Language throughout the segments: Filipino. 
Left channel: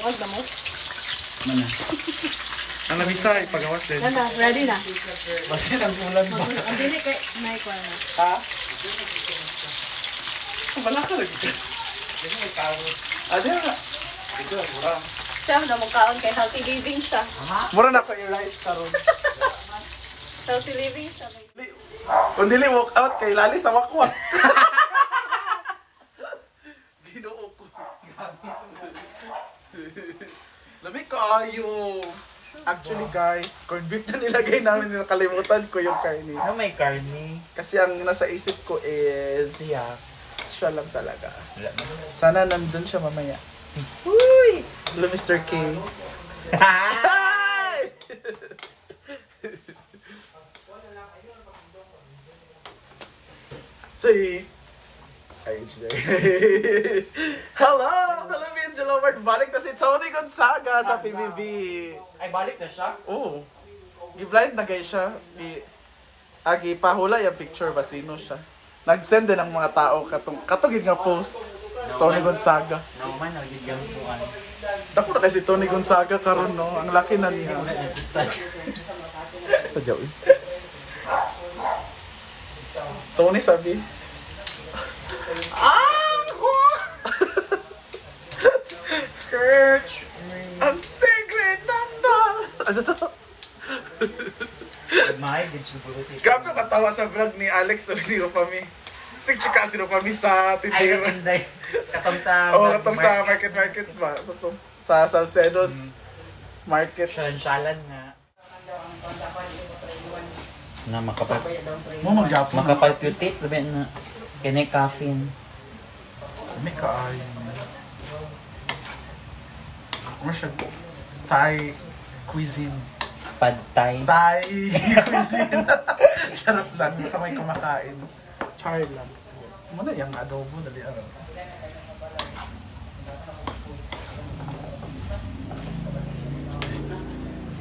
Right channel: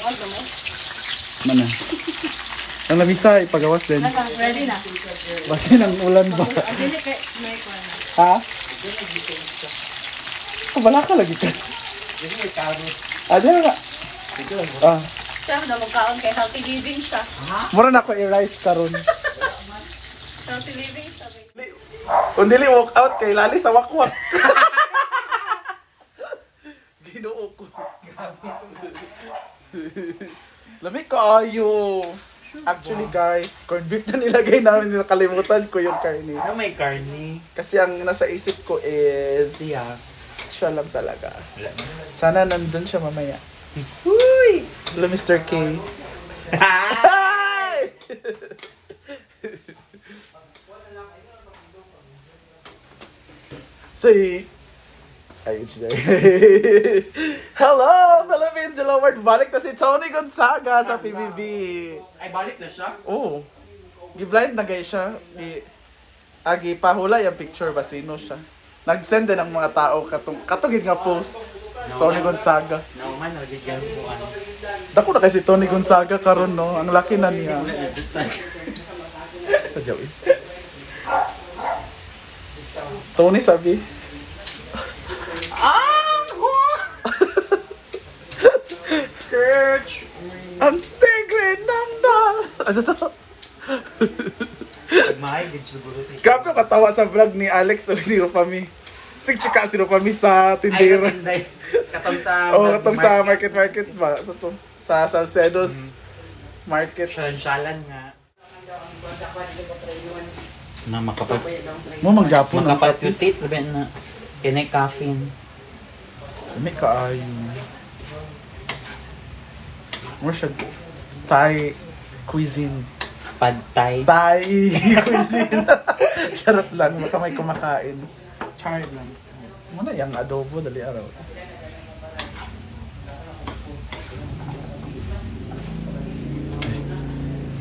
Ay, kamay. Mana? Ang labisa, ipagawas din. Ready na. Kasi nang ulan ba? Dili kay may ko na. Ha? Wala ka lagi ka. Ano na? Siya na mukhaon kay healthy living siya. Mura na ako i-rice karon. Healthy living siya. Kung dili walk out kay lali sa wakwak. Ginoo ko. Lamig kaayo. Actually guys, corned beef na nilagay namin, nakalimutan ko yung karne. Ano may karne? Kasi ang nasa isip ko is siya lang talaga. Sana nandun siya mamaya. Uy! Hello Mr. K. Hi! Say, hello, Philippines! Hello, Lord. Balik na si Tony Gonzaga sa PBB. Ay, balik na siya? Oo. Gi-blind na guys siya. Agi pahula yung picture ba sino siya. Nag-send din ang mga tao katugid nga post. Tony Gonzaga. Nauman, nagigyan ko. Dako na kasi Tony Gonzaga karon no. Ang laki na niya. Sadyaw eh. Tony sabi. Church! Ang tigre nandal! Grabe yung katawa sa vlog ni Alex o ni Rufami. Sig chika si Rufami sa tindera. Katong sa... Katong sa market ba? Sa Salcedo's market. Shalan nga. Na makapag... Mo manggapon ang Makapag-putit, sabihin na. Kinay caffeine. may kaayo. Mo siya Thai cuisine. Pad Thai. Thai cuisine. Charot lang, baka may kumakain. Charot lang. Muna yung adobo, dali araw.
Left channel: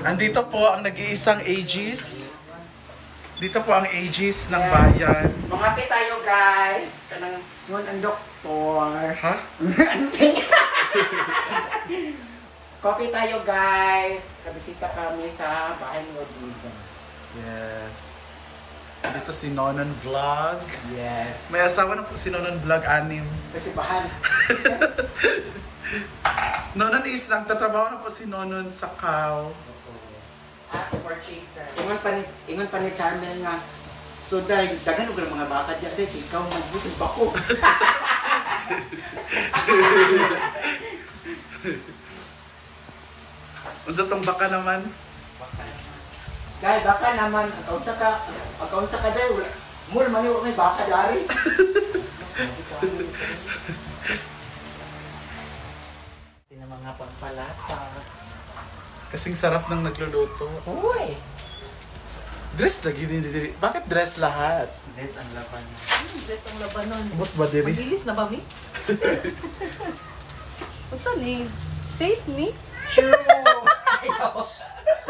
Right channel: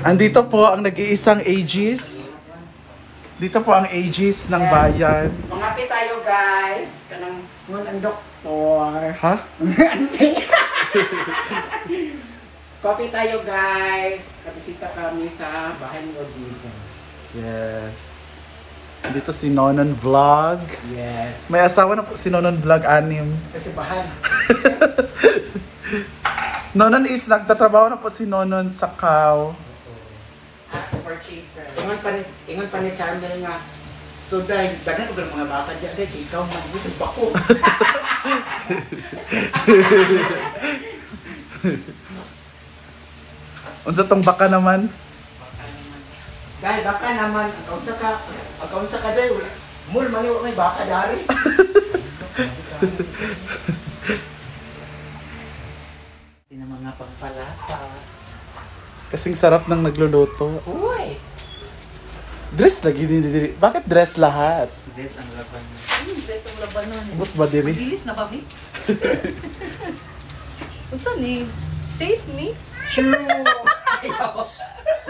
Andito po ang nag-iisang Aegis. Dito po ang Aegis ng bayan. Mangapi tayo guys. Kanang ang doktor. Ha? Coffee tayo guys. Kabisita kami sa bahay ni Rodrigo. Yes. Dito si Nonon Vlog. Yes. May asawa na po si Nonon Vlog 6. Kasi bahan. Nonon is nagtatrabaho na po si Nonon sa Kao. Super chaser. Ingon pa ni Charmel nga. So dahil dagan ko mga baka dyan dahil ikaw mag-busog bako. Unsa tong baka naman? Dahil baka naman, agkaunsa ka dahil, mul maniwa may baka dari. Hindi na mga pagpalasa. Kasing sarap ng nagluluto. Uy! Dress lagi din diri. Bakit dress lahat? This ang laban. Best ang labanan. Abot ba diri? Mabilis na ba mi? Unsa ni? Safe ni? True!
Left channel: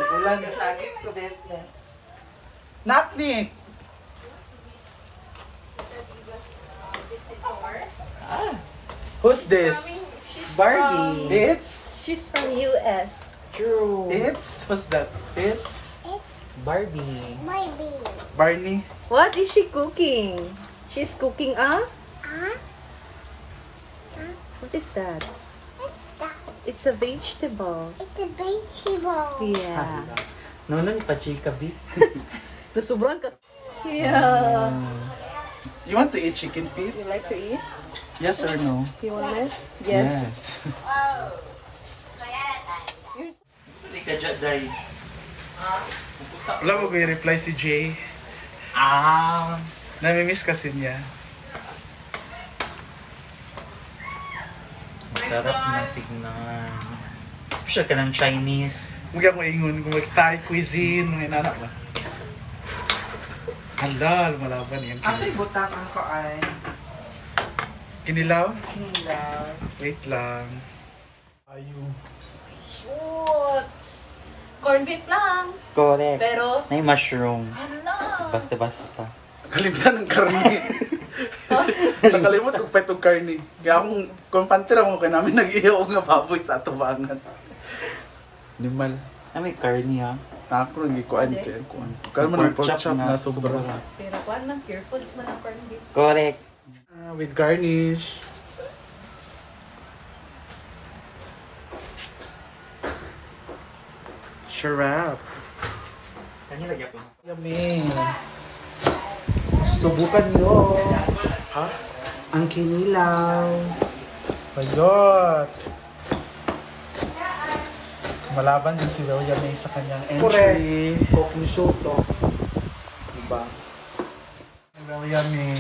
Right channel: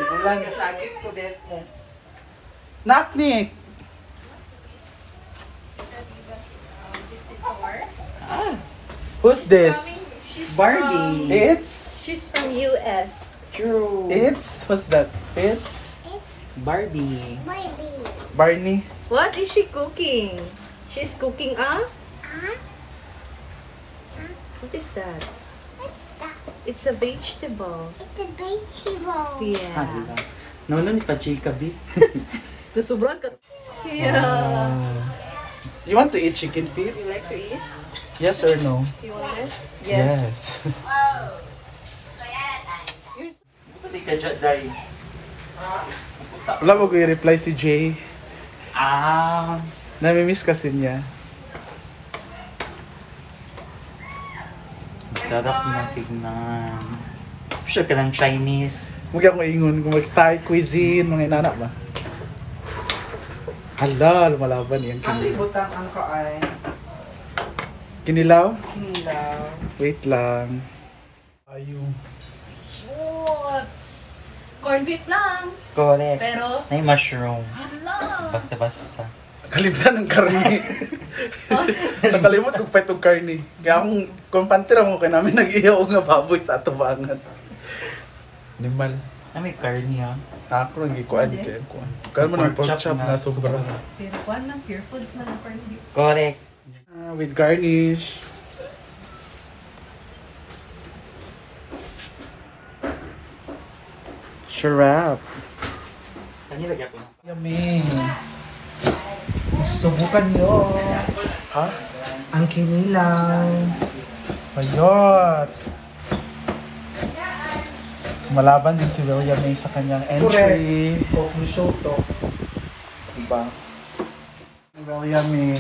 Ulan yung sakit ko, bet. Naknik! Who's this? Barbie! She's from US. True! What's that? It's Barbie! Barney. What is she cooking? She's cooking What is that? It's a vegetable. It's a vegetable. Yeah. Nono ni ka-chika bi. Nasubran ka. Yeah. You want to eat chicken feet? You like to eat? Yes or no? You want it? Yes. Pali ka dyan, Day. Wala mo ko i-reply si Jay. Namimiss kasi niya. Sarap ng tignan. Siya ka ng Chinese. Huwag akong ingon kung mag-Thai cuisine, mga inana ba? Hala, lumalaban yung Kasi kinilaw. butang ang kaan. Kinilaw? Hindaw. Wait lang. Ayun. What? Corned beef lang. Correct. Pero, May mushroom. hala. Basta-basta. Kalimutan ng karni. Nakalimot kung pa itong karni. Kaya akong kumpantira mo kaya namin nag-iyaw nga baboy sa atubangan. Nimal. May carne ha. Ako lang ikuan kaya kuan. Kaya mo ng pork chop na sobra. Pero kuan lang, pure foods man ang parang gift. Correct. With garnish. Sharap. Ano lagyan ko? Yummy. Subukan niyo Ha? ang kinilaw. Bayot. Malaban din si William May sa kanyang entry. Correct. Kung soto. Diba? William May.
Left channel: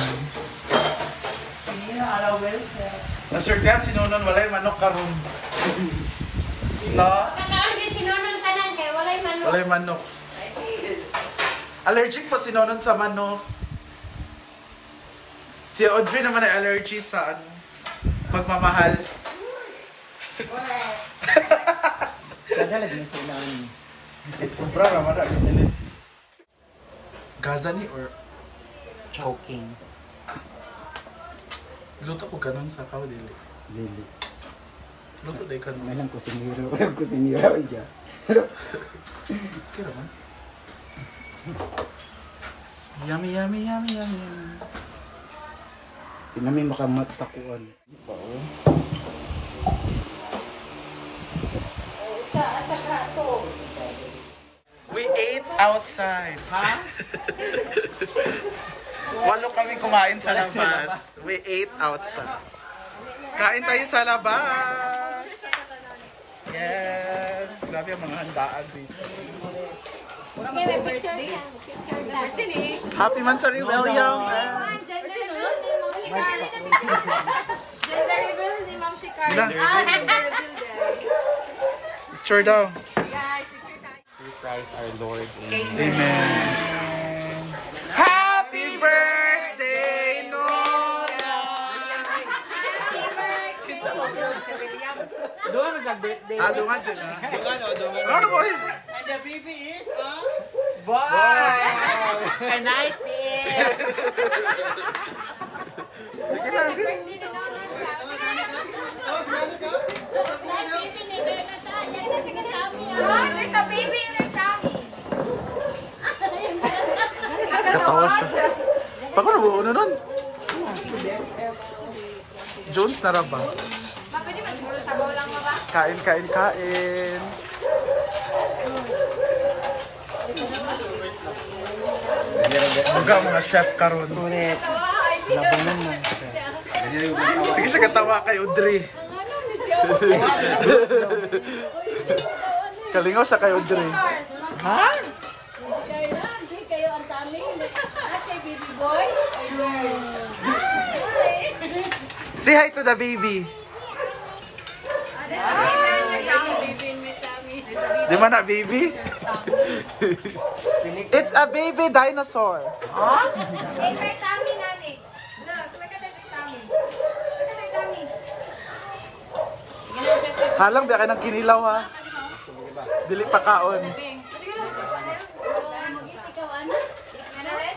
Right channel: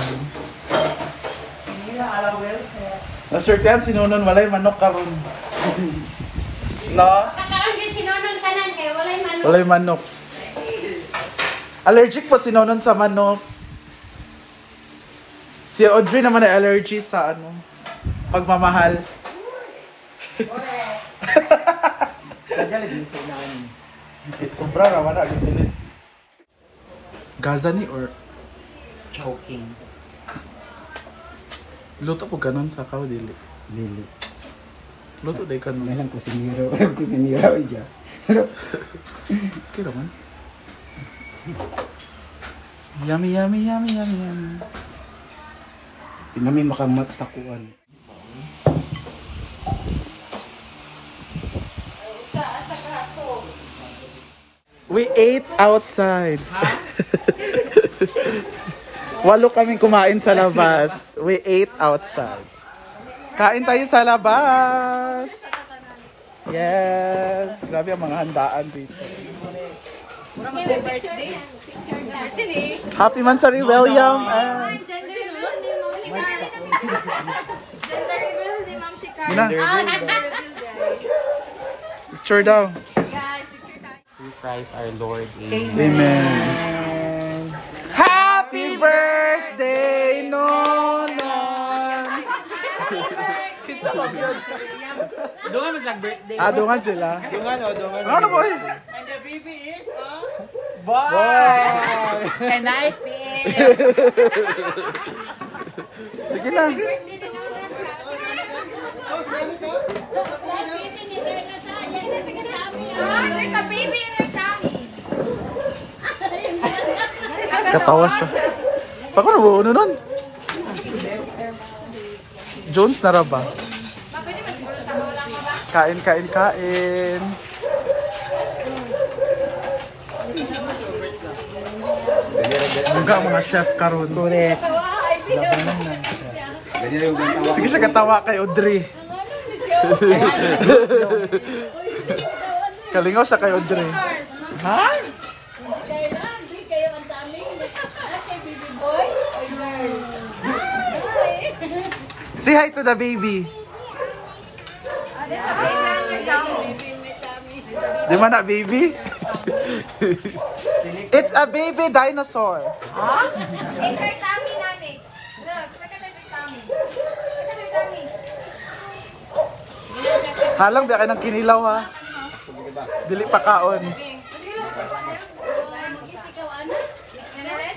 Nasurtihan si Nonon, walay manok karon. No? Walay manok. Allergic po si Nonon sa manok. Si Audrey naman ay allergy sa ano, pagmamahal. Kaya lagi sa ilan. Sobra raman na ang Gaza ni or Choking. luto po ganon sa kao dili. Lili. Luto day kanon. Ngayon kusinira. Kusinira iya. Okay naman. Yummy, yummy, yummy, yummy, yummy. Pinami makamat sa kuwan. We ate outside. Walo kami kumain sa labas. We ate outside. Kain tayo sa labas. Yes. Grabe ang mga handaan dito. Happy birthday. Happy Mansari William. Gina. Picture daw. We praise our Lord. Amen. Happy birthday, Nonon! Doon mo sa birthday. Dungan sila. Ano ba eh? And the baby is a Can I Sige na. There's a baby in her tummy. Katawa siya. Pako na ba uno nun? Jones na ra ba? Kain, kain, kain. Duga mga chef karon. Sige siya katawa kay Audrey. Kalingaw siya kay Audrey. Ha? Say hi to the baby. Di man na baby? It's a baby dinosaur. In her tummy, Nani. Look, look at her tummy. Look at her tummy. Halang biya kayo ng kinilaw ha. Dili pa kaon.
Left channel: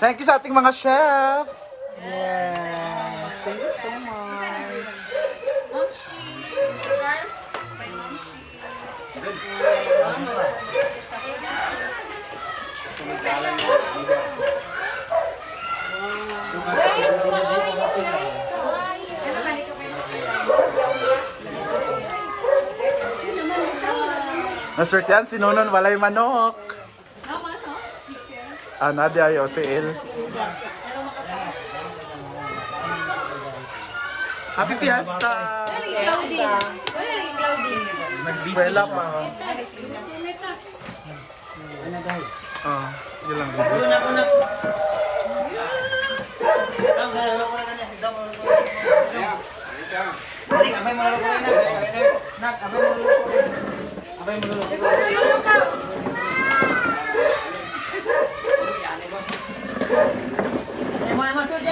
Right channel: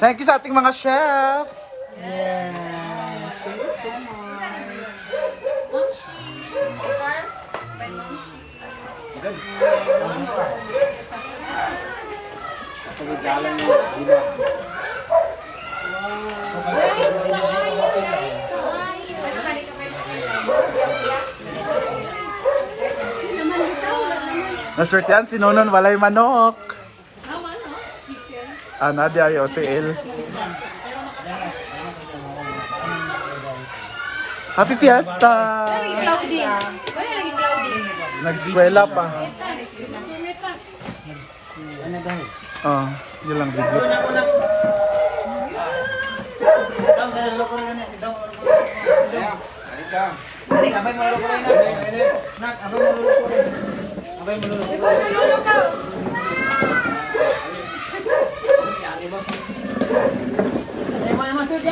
Thank you sa ating mga chef. Naswertehan si Nonon walay manok. Nadia ay OTL. Happy Fiesta! Nag-eskwela pa. Oh, yun lang video.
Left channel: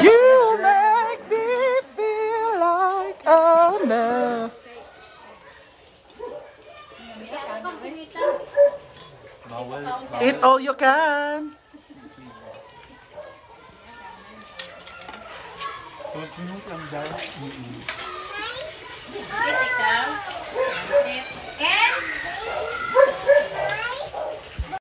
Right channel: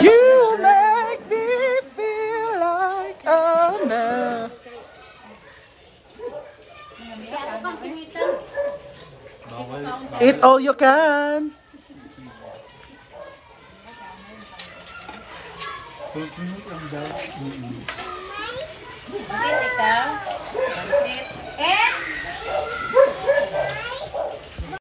You make me feel like Anna. Eat all you can. Ang kinit ang dahil. Bakit ikaw?